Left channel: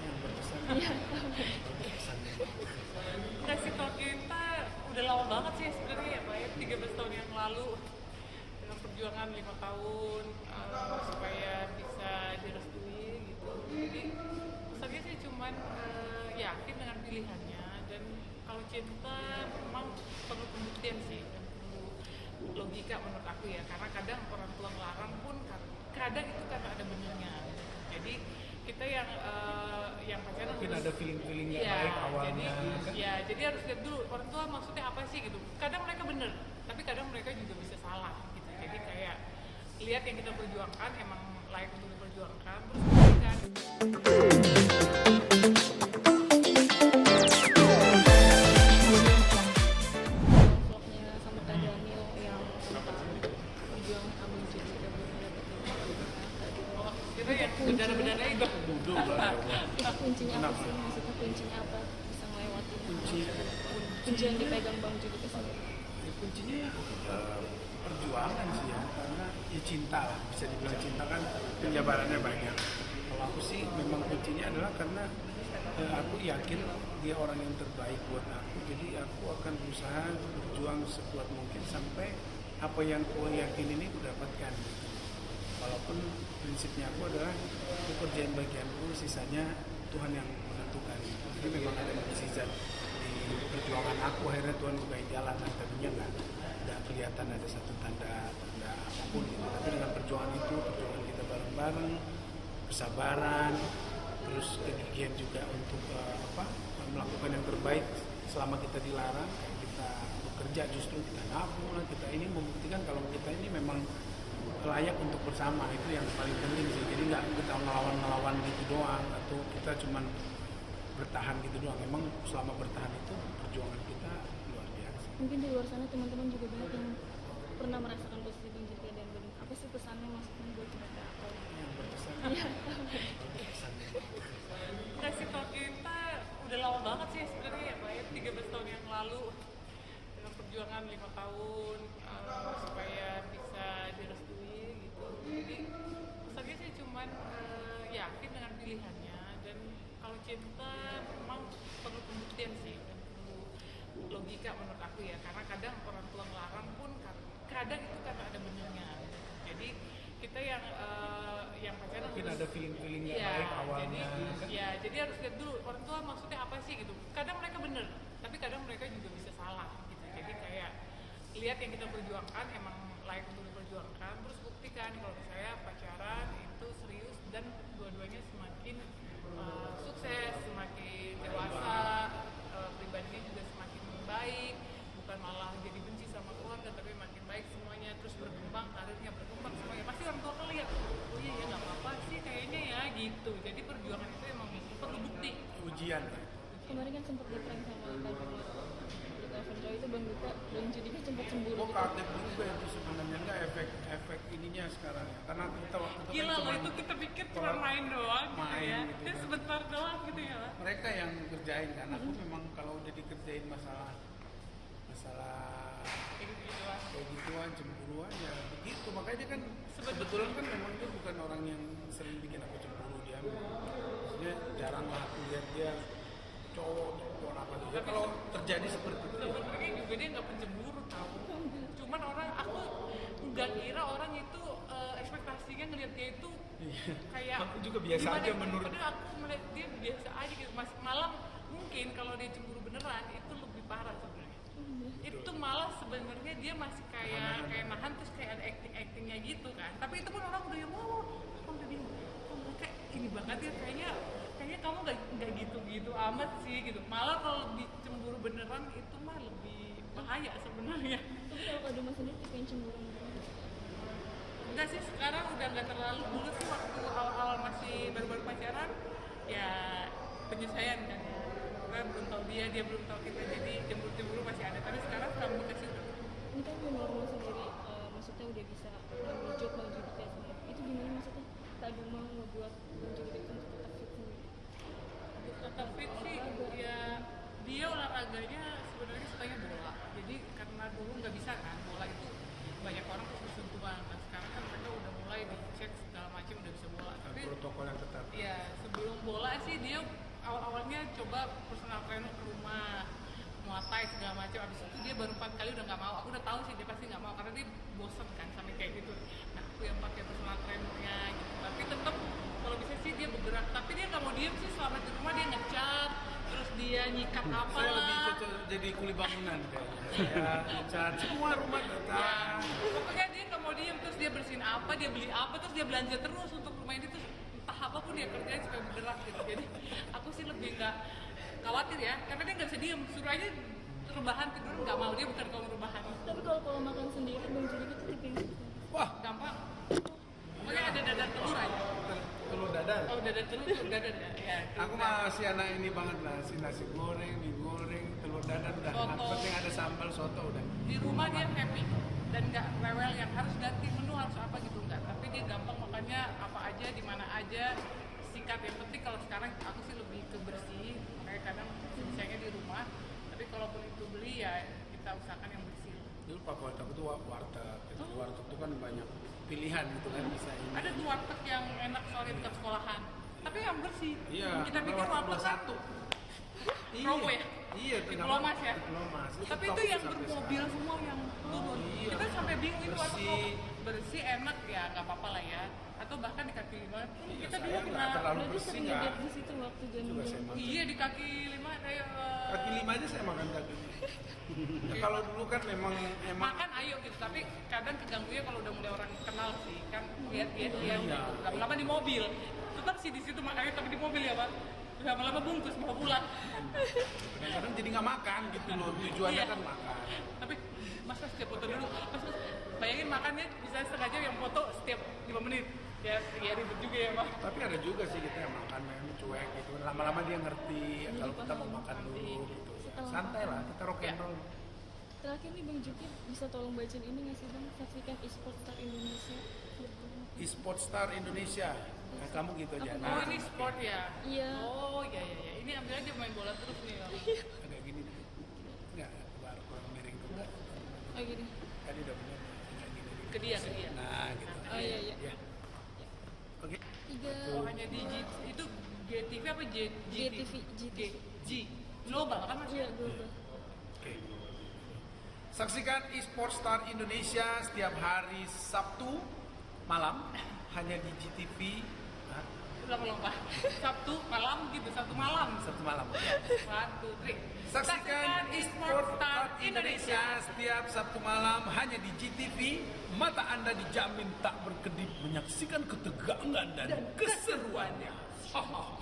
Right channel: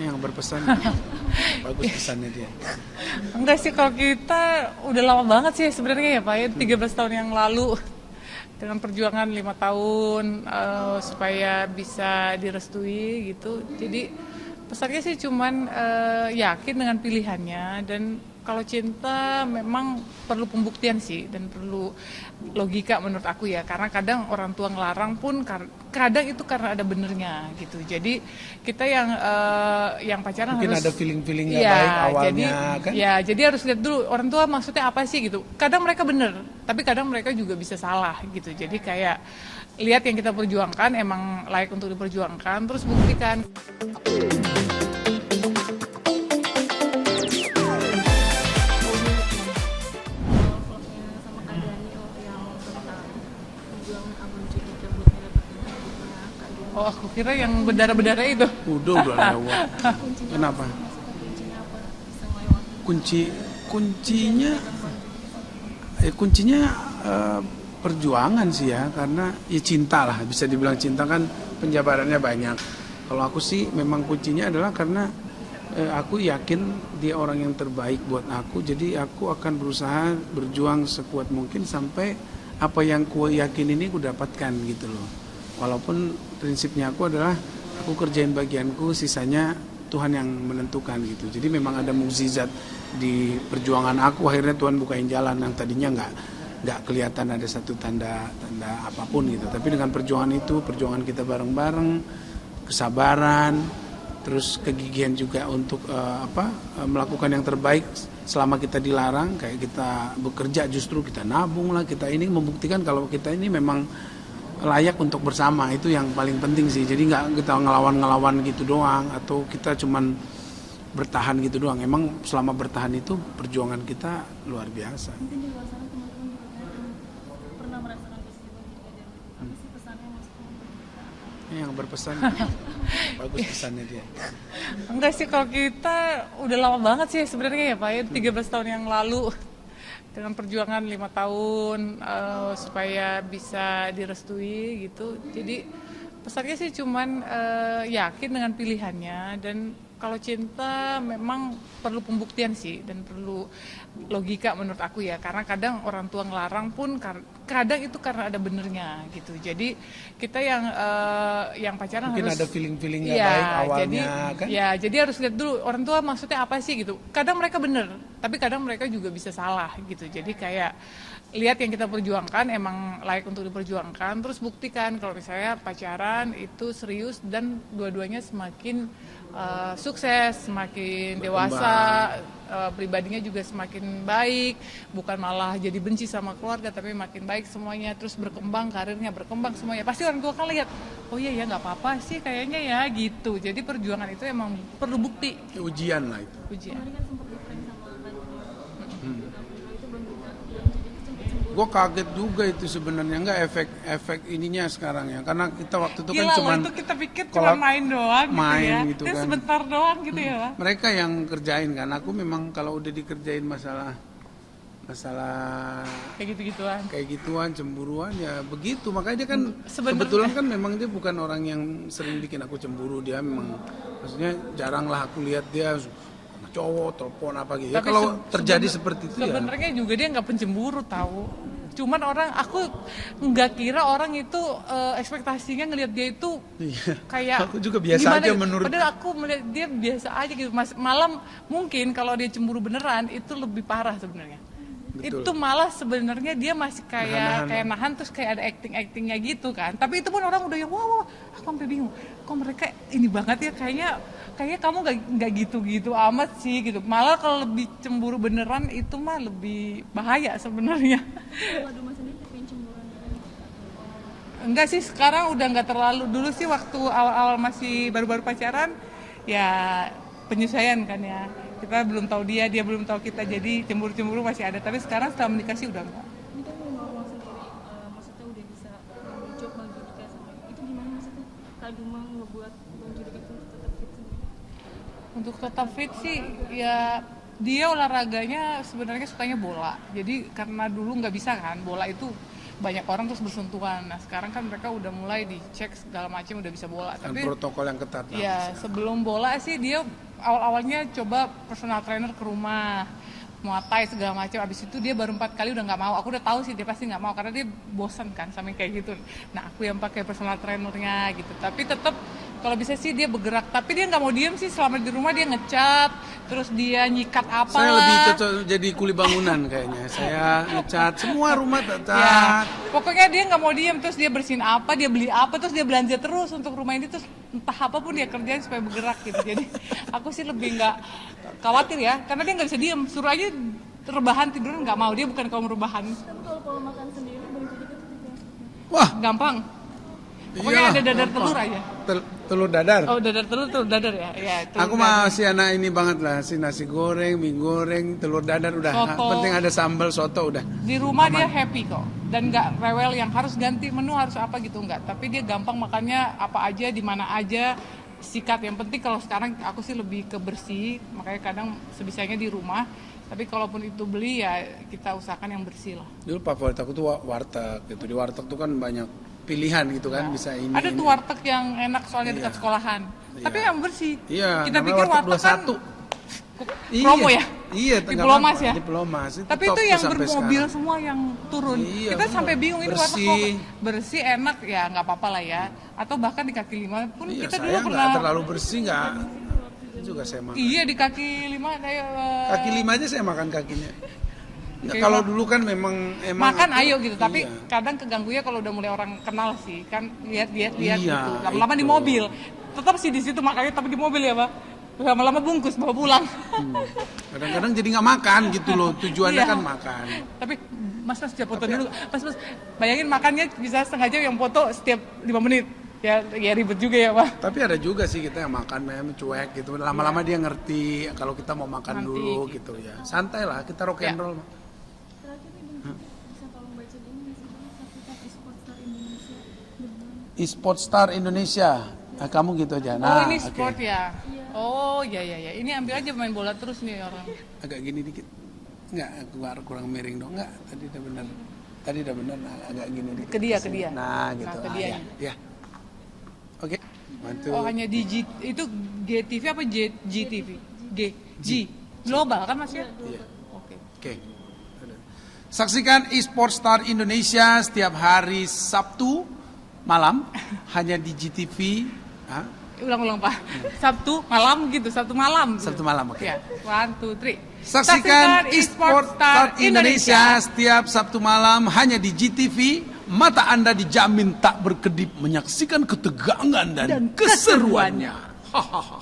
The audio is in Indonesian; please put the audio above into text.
yang berpesan. Bagus pesannya dia. Enggak sih, kalau kita udah lama banget sih sebenarnya ya Pak ya, 13 tahun yang lalu dengan perjuangan 5 tahun supaya bisa direstui gitu. Jadi pesannya sih cuman yakin dengan pilihannya, dan kalau cinta memang perlu pembuktian sih dan perlu logika menurut aku ya, karena kadang orang tua ngelarang pun kadang itu karena ada benernya gitu. Jadi kita yang pacaran Mungkin harus ada feeling-feeling nggak ya, baik jadi awalnya kan. ya jadi harus lihat dulu orang tua maksudnya apa sih gitu. Kadang mereka bener, tapi kadang mereka juga bisa salah gitu. Jadi kayak lihat yang kita perjuangkan emang layak untuk diperjuangkan, terus buktikan. Vlognya sama Kak Daniel yang tentang perjuangan Abang Cucu yang belum mendapatkan kehidupan Kak Daniel. Oh, aku kira yang berdarah-berdarah itu. Udah lewat. Kuncinya Kenapa? apa sih? Maksudnya kuncinya apa bisa melewati? Kunci Kunci yang kuncinya dipegang Bang Cucu sendiri. kuncinya perjuangan sih ya, karena ya cinta lah, bisa dibilang cinta kan penjabarannya banyak. Kalau aku sih memang kuncinya adalah karena aku yakin dia orang yang terbaik buat aku, jadi aku akan berusaha berjuang sekuat mungkin sampai apa yang ku yakin ini ku dapatkan gitu loh. Walaupun prinsipnya aku adalah aku kerjain bagianku, sisanya Tuhan yang menentukan gitu. Jadi memang ada mukjizat di perjuangan aku, akhirnya Tuhan bukain jalan yang tadinya nggak kelihatan ada satu tanda apapun gitu. Tapi dengan perjuangan itu, perjuangan kita bareng-bareng, kesabaran, terus kegigihan juga untuk melakukan yang terbaik selama kita dilarang, kayak kita bekerja justru kita nabung lah, kita ini membuktikan kalau kita ini memang layak untuk bersama. Itu yang paling penting sih. Jadi nggak kita ngelawan gitu doang, atau kita cuman bertahan gitu doang. Emang selama bertahan itu perjuangan kita luar biasa. Mungkin di luar sana teman-teman juga banyak yang pernah merasakan posisi Bang Cucu dan gitu. Apa sih pesannya maksudnya buat kita? Yang berpesan. Bagus pesannya dia. Enggak sih, kalau kita udah lama banget sih sebenarnya ya Pak ya, 13 tahun yang lalu dengan perjuangan 5 tahun supaya bisa direstui gitu. Jadi pesannya sih cuman yakin dengan pilihannya, dan kalau cinta memang perlu pembuktian sih dan perlu logika menurut aku ya, karena kadang orang tua ngelarang pun kadang itu karena ada benernya gitu. Jadi kita yang pacaran Mungkin harus ada feeling-feeling nggak ya, baik awalnya jadi kan. ya jadi harus lihat dulu orang tua maksudnya apa sih gitu. Kadang mereka bener, tapi kadang mereka juga bisa salah gitu. Jadi kayak lihat yang kita perjuangkan emang layak untuk diperjuangkan, terus buktikan kalau misalnya pacaran itu serius dan dua-duanya semakin sukses, semakin dewasa, pribadinya juga semakin baik, bukan malah jadi benci sama keluarga, tapi makin baik semuanya, terus berkembang karirnya, berkembang semuanya. Pasti orang tua kan lihat, oh iya ya nggak apa-apa sih kayaknya ya gitu. Jadi perjuangan itu emang perlu bukti. Ujian lah itu. Ujian. Kemarin kan sempat ngefans sama Kak Daniel. Kalau itu Bang Cucu kan sempat cemburu. Gue kaget juga itu sebenarnya, nggak efek ininya sekarang ya, karena kita waktu itu kan Gila cuman loh, itu kita pikir cuma kalau main doang gitu main ya. gitu Itu kan. sebentar doang gitu ya Pak. Mereka yang kerjain kan, aku memang kalau udah dikerjain masalah Kayak gitu-gituan. kayak gituan, cemburuan ya begitu. Makanya dia kan Sebenarnya- kebetulan kan memang dia bukan orang yang sering bikin aku cemburu. Dia memang maksudnya jarang lah aku lihat dia sama cowok telepon apa gitu ya. Tapi Kalau terjadi seperti itu ya sebenarnya juga dia nggak pencemburu tahu. Cuman aku nggak kira orang itu ekspektasinya ngelihat dia itu iya. kayak Aku juga biasa gimana aja gitu. menurut. Padahal aku melihat dia biasa aja gitu. Malam mungkin kalau dia cemburu beneran itu lebih parah sebenarnya. Betul. Itu malah sebenarnya dia masih kayak nahan, terus kayak ada actingnya gitu kan. Tapi itu pun orang udah yang wah, aku sampai bingung. Kok mereka ini banget ya, kayaknya kamu nggak gitu-gitu amat sih gitu. Malah kalau lebih cemburu beneran itu mah lebih bahaya sebenarnya. Kalau Kak Duma sendiri yang cemburuan beneran? Enggak sih, sekarang udah nggak terlalu. Dulu sih waktu awal-awal masih baru-baru pacaran ya penyesuaian kan ya. Kita belum tahu dia belum tahu kita, jadi cemburu-cemburu masih ada. Tapi sekarang setelah menikah sih udah enggak. Ini kan new normal sendiri, maksudnya udah bisa ngambil job Bang Judika sama itu gimana maksudnya Kak Duma ngebuat Bang Judika itu untuk tetap fit sendiri? Untuk tetap fit sih ya dia olahraganya sebenarnya sukanya bola. Jadi karena dulu nggak bisa kan, bola itu banyak orang terus bersentuhan. Nah sekarang kan mereka udah mulai dicek segala macam, udah bisa bola. Dan Tapi protokol yang ketat. ya sebelum bola sih dia awal-awalnya coba personal trainer ke rumah, Muay Thai segala macam. Abis itu dia baru 4 kali udah nggak mau. Aku udah tahu sih dia pasti nggak mau karena dia bosan kan sama yang kayak gitu. Nah aku yang pakai personal trainernya gitu. Tapi tetap kalau bisa sih dia bergerak. Tapi dia nggak mau diem sih, selama di rumah dia ngecat, terus dia nyikat apa Saya lebih lah. cocok jadi kuli bangunan kayaknya. Saya ngecat semua rumah Ya, cat. pokoknya dia nggak mau diem, terus dia bersihin apa, dia beli apa, terus dia belanja terus untuk rumah ini, terus entah apapun dia kerjain supaya bergerak gitu. Jadi aku sih lebih nggak khawatir ya, karena dia nggak bisa diem, suruh aja rebahan tiduran nggak mau, dia bukan kaum rebahan. Tapi kalau pola makan sendiri Bang Judika itu tipe yang seperti apa? Wah, Gampang. Pokoknya iya, ada dadar apa? telur aja. Telur dadar. Oh dadar telur dadar ya. Ya telur Aku dadar. masih anak ini banget lah, si nasi goreng, mie goreng, telur dadar udah. Soto. Penting ada sambal soto udah. Di rumah dia happy kok, dan nggak rewel yang harus ganti menu harus apa gitu nggak. Tapi dia gampang makannya apa aja, di mana aja, sikat. Yang penting kalau sekarang aku sih lebih ke bersih, makanya kadang sebisanya di rumah. Tapi kalaupun itu beli ya kita usahakan yang bersih lah. Dulu favorit aku tuh warteg gitu. Di warteg tuh kan banyak pilihan gitu kan, bisa ini. Ada tuh warteg yang enak soalnya dekat Iya. sekolahan. Tapi yang bersih. Iya, Kita namanya pikir warteg warteg kan 21. promo ya? Iya, Di nggak Pelomas apa-apa, ya? Di Pelomas. Tapi top itu tuh yang sampai bermobil sekarang. semua yang turun. Iya, Kita bener. sampai bingung ini warteg Bersih. kok bersih enak ya nggak apa-apa lah ya. Atau bahkan di kaki lima pun Iya, kita saya dulu nggak pernah. terlalu bersih nggak. Di situ waktu Itu zaman juga saya makan. Iya di kaki lima kayak Kaki lima aja saya makan kakinya. Nggak, Kayak kalau mah- dulu kan memang makan aku- ayo gitu. Tapi iya. kadang keganggunya kalau udah mulai orang kenal sih kan lihat Iya, gitu. Lama-lama di itu. mobil. Tetap sih di situ makannya tapi di mobil ya Pak. Lama-lama bungkus bawa pulang. Kadang-kadang jadi nggak makan gitu loh. Tujuannya Iya. kan makan. Tapi mas jangan foto dulu. Mas bayangin makannya bisa setengah jam yang foto setiap 5 menit. Ya ribet juga ya Pak. Tapi ada juga sih kita yang makan memang cuek gitu. Lama-lama dia ngerti kalau kita mau makan Nanti dulu gitu ya. Santai lah, kita rock and Ya. roll. terakhir nih Bang Judika bisa tolong bacain ini nggak sih Bang, sertifikat e-sport star Indonesia Debuan. E-sport star Indonesia. Nah, kamu gitu aja. Oh Nah, ini oke. sport ya? Iya. Oh ya. Ini ambil aja main bola terus nih orang. Agak gini dikit. Enggak, kurang miring dong. Enggak, tadi udah benar. Tadi udah benar. Nah, agak gini dikit. Ke dia. Nah, gitu. Nah, ke dia. Ya. Oke. Bantu. Oh hanya di itu GTV apa GTV? G global kan Mas ya? Iya, global. Oke. Oke. Saksikan eSport Star Indonesia setiap hari Sabtu malam hanya di GTV. Hah? Ulang Pak. Sabtu malam gitu, Sabtu malam. Sabtu malam, oke. Ya, 1, 2, 3. Saksikan eSport Star Indonesia setiap Sabtu malam hanya di GTV. Mata Anda dijamin tak berkedip menyaksikan ketegangan dan keseruannya. Hahaha.